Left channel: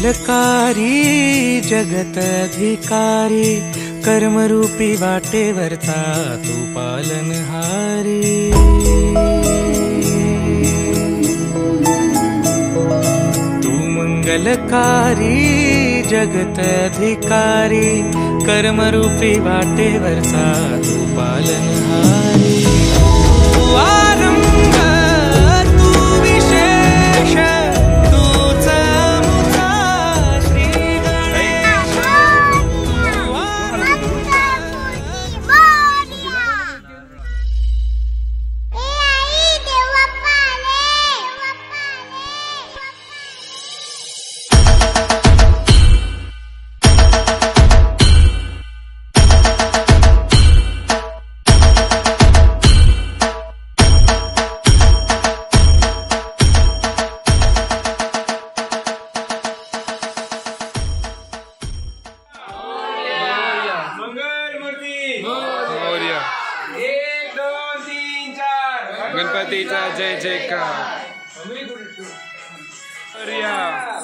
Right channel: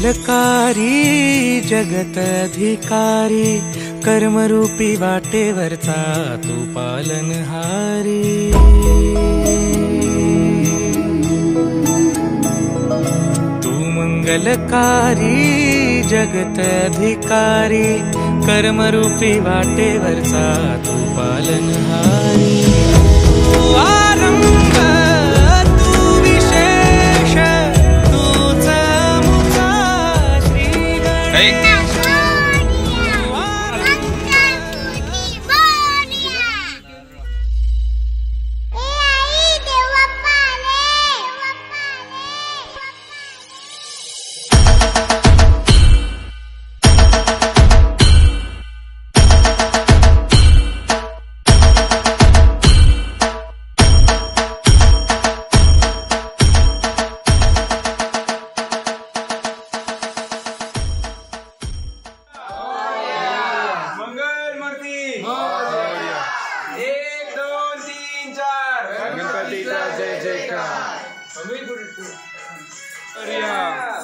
मंगलकारी जगत अधिकारी कर्मरूपी वाटेवरचा तू पालनहारी। तू मंगलकारी जगत अधिकारी कर्मरूपी वाटेवरचा तू पालनहारी। तू आरंभ तू विशेष तूच मुचा श्री गणेश। तू आरंभ गणपतीचा जय जयकार।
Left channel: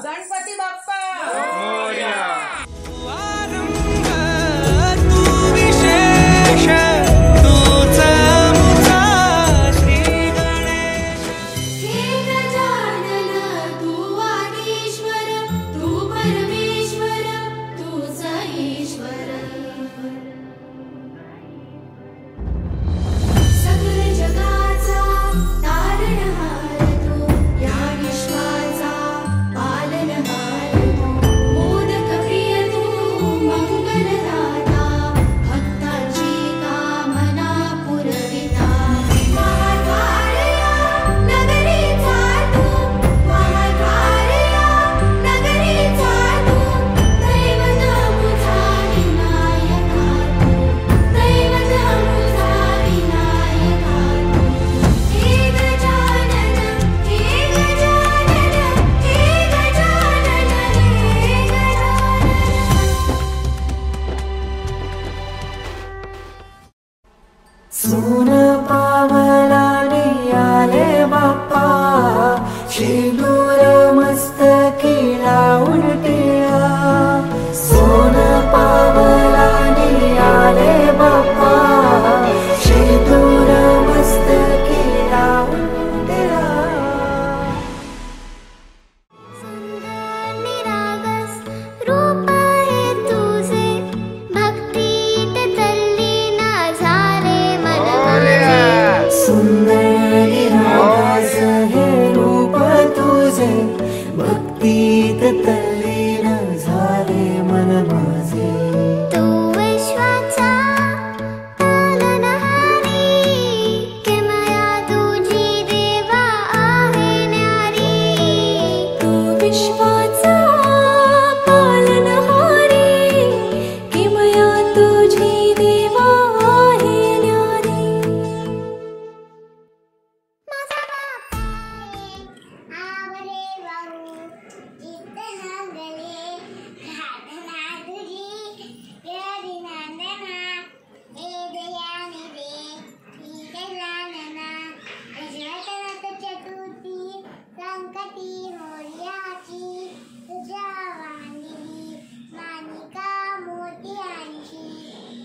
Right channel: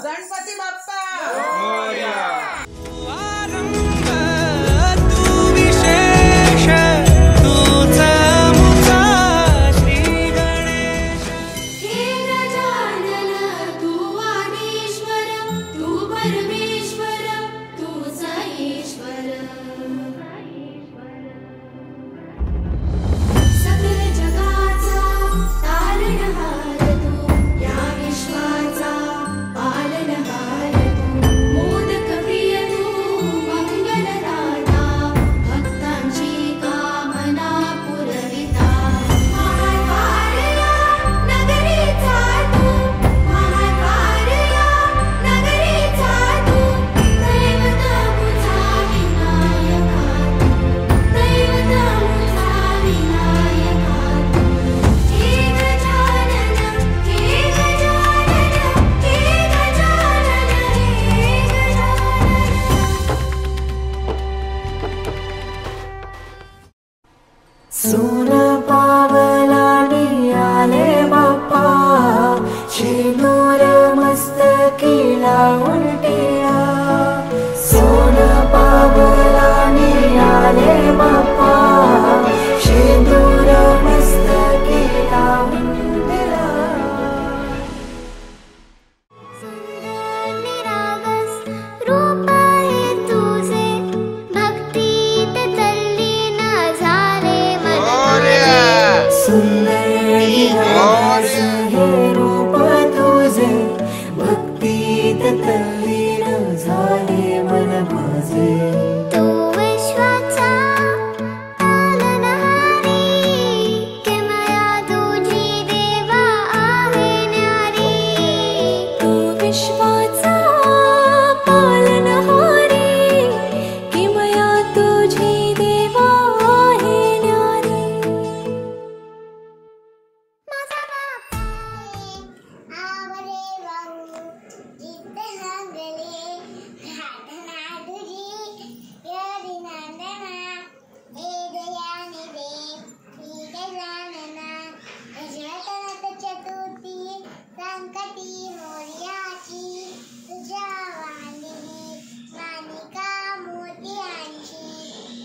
गणपती बाप्पा मोरया। तू आरंभ तू विशेष तूच मुचा श्री गणेश। हे गजानन तू आदिश्वर तू परमेश्वर तूच ईश्वर। सकल जगाचा तारणहार तू या विश्वाचा पालनहार तू। मोदक प्रिय तू मंगलदाता भक्तांची कामना पुरविता। महाकार्या नगरीचा तू महाकार्या नगरीचा तू दैवत मुझा विनायका तू दैवत मुझा विनायका तू। हे गजानन हे गजानन हे गजानन हे गजानन। सोन पावलानी आले बाप्पा शेंदूर मस्तकी लावून टिळा। सोन पावलानी आले बाप्पा शेंदूर मस्तकी लावून टिळा। सुंदर निरागस रूप आहे तुझे भक्तीत तल्लीन झाले मन माझे। सुंदर निरागस हे रूप तुझे भक्तीत तल्लीन झाले मन माझे। तू विश्वाचा पालनहारी किमया तुझी देवा आहे न्यारी। तू विश्वाचा पालनहारी किमया तुझी देवा आहे न्यारी। माझा बाप्पा आवरे वाहू जिद्द नांदले घाटना तुझी यदी नांदना। हे दयाने दे ही गजानना दशरथनाथ चतुर्थी संकटी मोर्याची। तुझ्या वाहिनी मानिका मोत्यांची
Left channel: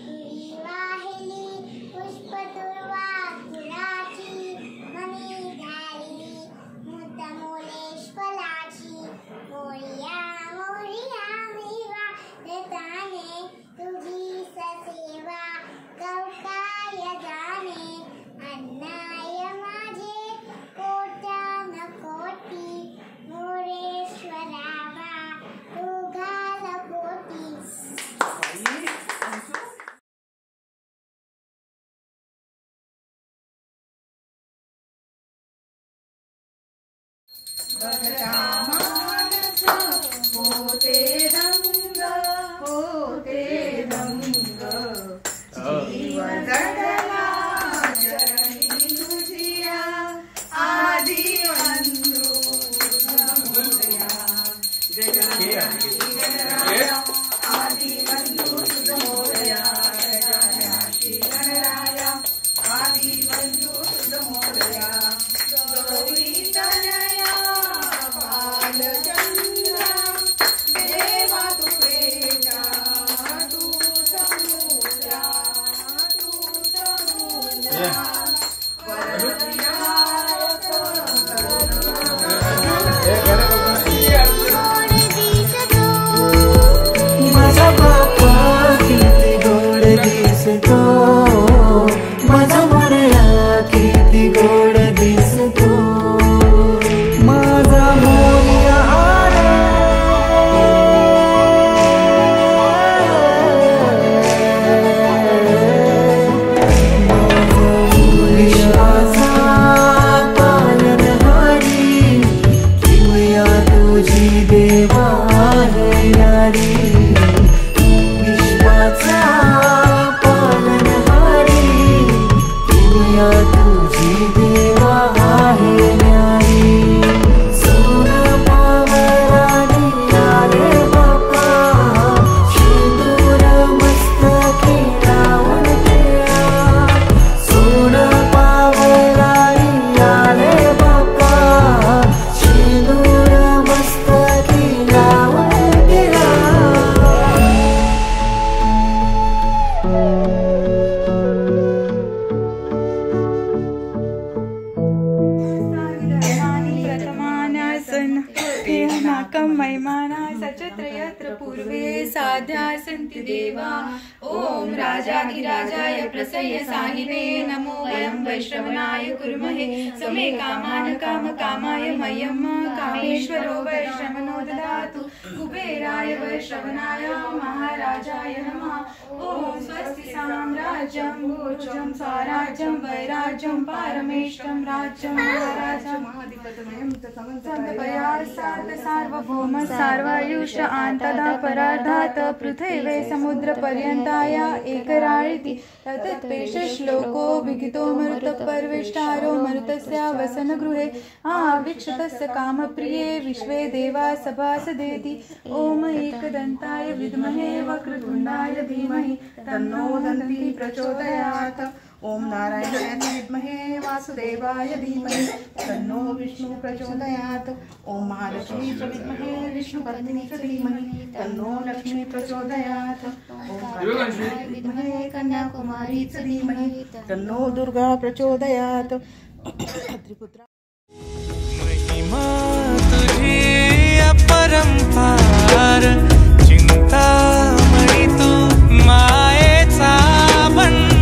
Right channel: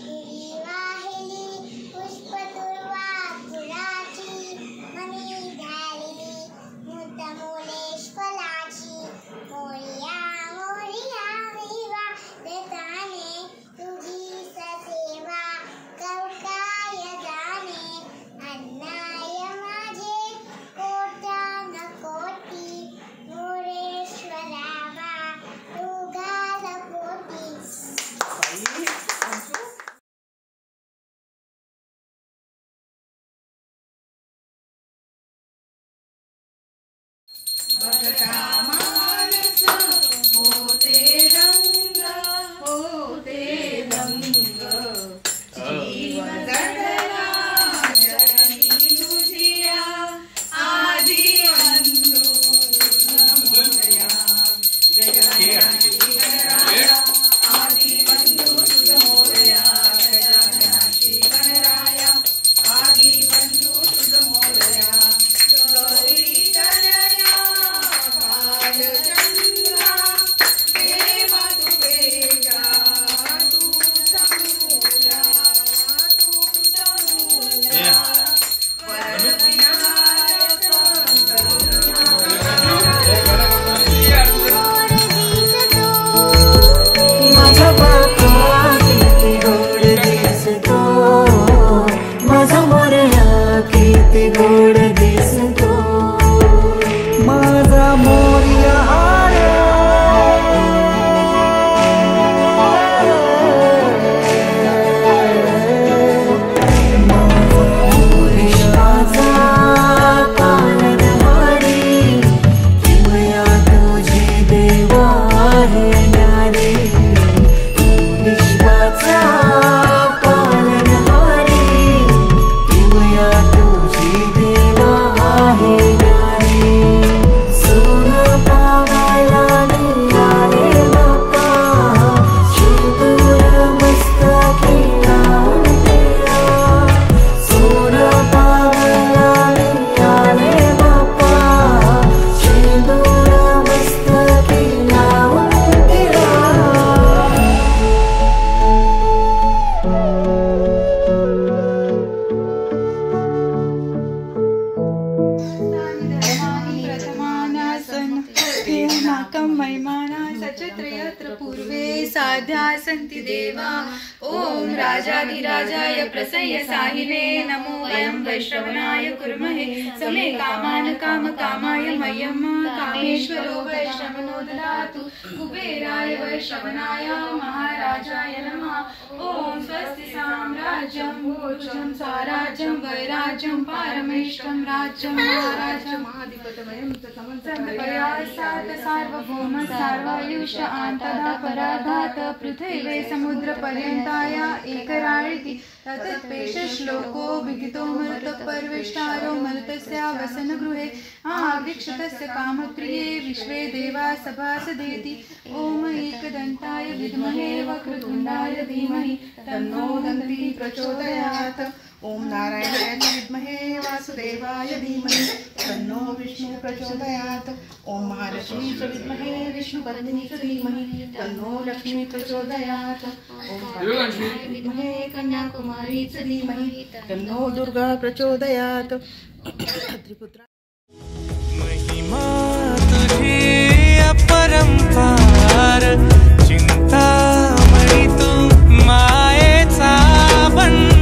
तुरी वाहिली पुष्पदुर्वा फुलाची। मनी झालेली मुद्दामोलेश फलाची। मोरया मोरया विवा देताने तुझी ससेवा कौकाय जाणे। अन्नाय माझे कोट्यान कोटी मोरेश्वरावा तू घाल पोटी। बघता माणस होते रंग जीव जगला चरणी तुझिया आदि बंधू मोरया। गजाननाची गणराया आदि बंधू मोरया। गजाननाची गणराया आदि बंधू मोरया। गौरी तनया माझा बाप्पा किती गोड दिसतो, माझा मोरया किती गोड दिसतो, माझा मोरया रे, माझा मोरयाचा पालनहारी, किमया तुझी देवा आहे न्यारी, विश्वाचा पालनहारी, किमया तुझी देवा आहे न्यारी, सोनं पावायला निघाले बाप्पा, शेंदूर मस्तकी लावून ठेवा, सोनं पावायला निघाले बाप्पा, शेंदूर मस्तकी लावून ठेवा. सचत्रयत्र पूर्वे साध्या सन्ति देवा. ओम राजाधिराजाय प्रसह्य साहिवे नमो अयं वैश्रवणाय कुर्महे समे कामान कामकामाय मह्यं कामेश्वरो वैश्रवणो ददातु. कुबेराय वैश्रवणाय महाराजाय नमः. ओम स्वस्ति साम्राज्यं भोजं स्वराज्यं वैराज्यं पारमेष्टं राज्यं महाराजं महाधिपतमयं तमन्तपया सात सार्वभौम सार्वायुष आन्तदा पराधात पृथिवे समुद्रपर्यन्ताया एकराळिति तत्पेश श्लोको विदितो मरुतपर्विष्टारो मरुतस्य वसनगृहे आवीक्षितस्य कामप्रिये विश्वे देवा सभासदेति. ओम एकदन्ताय विद्महे वक्रतुण्डाय धीमहि तन्नो दन्ती प्रचोदयात्. ओम नारायणाय विद्महे वासुदेवाय धीमहि तन्नो विष्णु प्रचोदयात्. ओम महालक्ष्मी च विद्महे विष्णुपत्नी च धीमहि तन्नो लक्ष्मी प्रचोदयात्. ओम कात्यायनाय विद्महे कन्याकुमारी च धीमहि तन्नो दुर्गा प्रचोदयात्. त्रिपुत्रा महिमा तुझी अपरंपार, चिंतामणी तू मायेचा भंडार.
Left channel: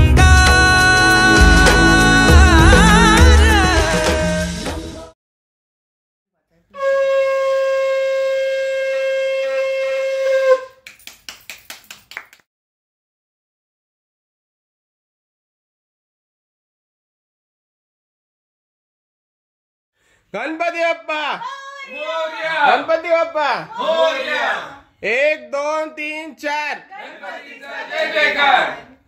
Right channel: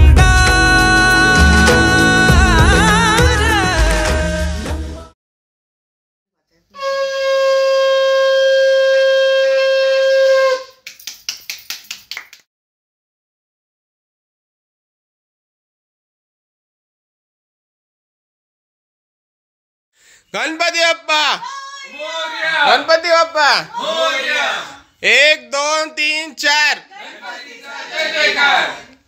Ganpati Bappa, Ganpati Bappa, 1 2 3 4.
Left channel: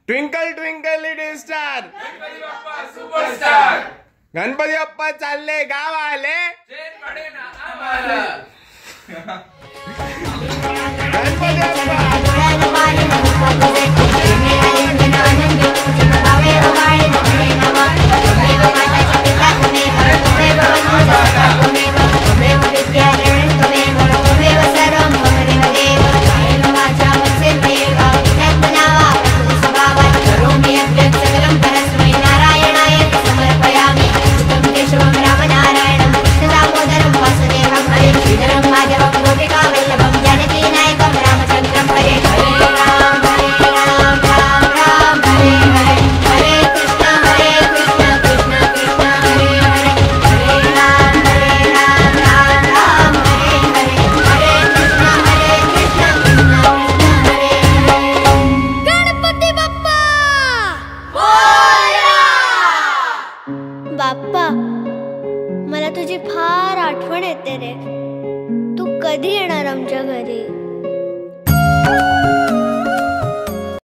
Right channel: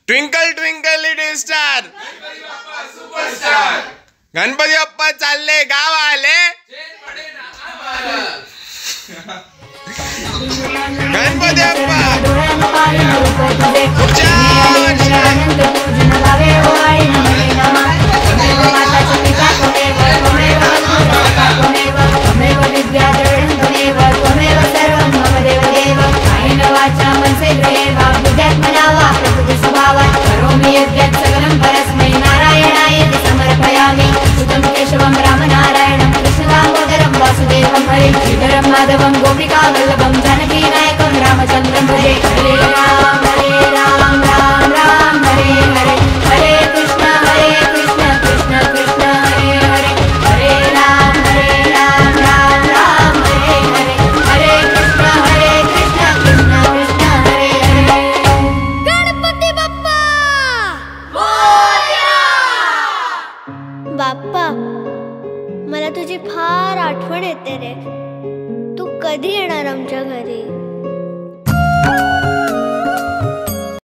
Twinkle twinkle little star, Ganpati Bappa चालले गाव आले, गणपती बाप्पा पुढच्या सकलं परस्मै नारायणाय समर्पयामि. सुतं केशवं रामनारायणं कृष्णदामोदरं वासुदेवं हरे श्रीधरं माधवं गोपिकावल्लभं जानकीनायकं रामचन्द्रं हरे. हरे राम राम राम हरे हरे, हरे कृष्ण कृष्ण कृष्ण हरे हरे, हरे राम राम राम हरे हरे, हरे कृष्ण कृष्ण कृष्ण हरे हरे. गणपती बाप्पा बाप्पा, मला तुझी फार आठवण येते रे. तू कधी येणार आमच्या घरी?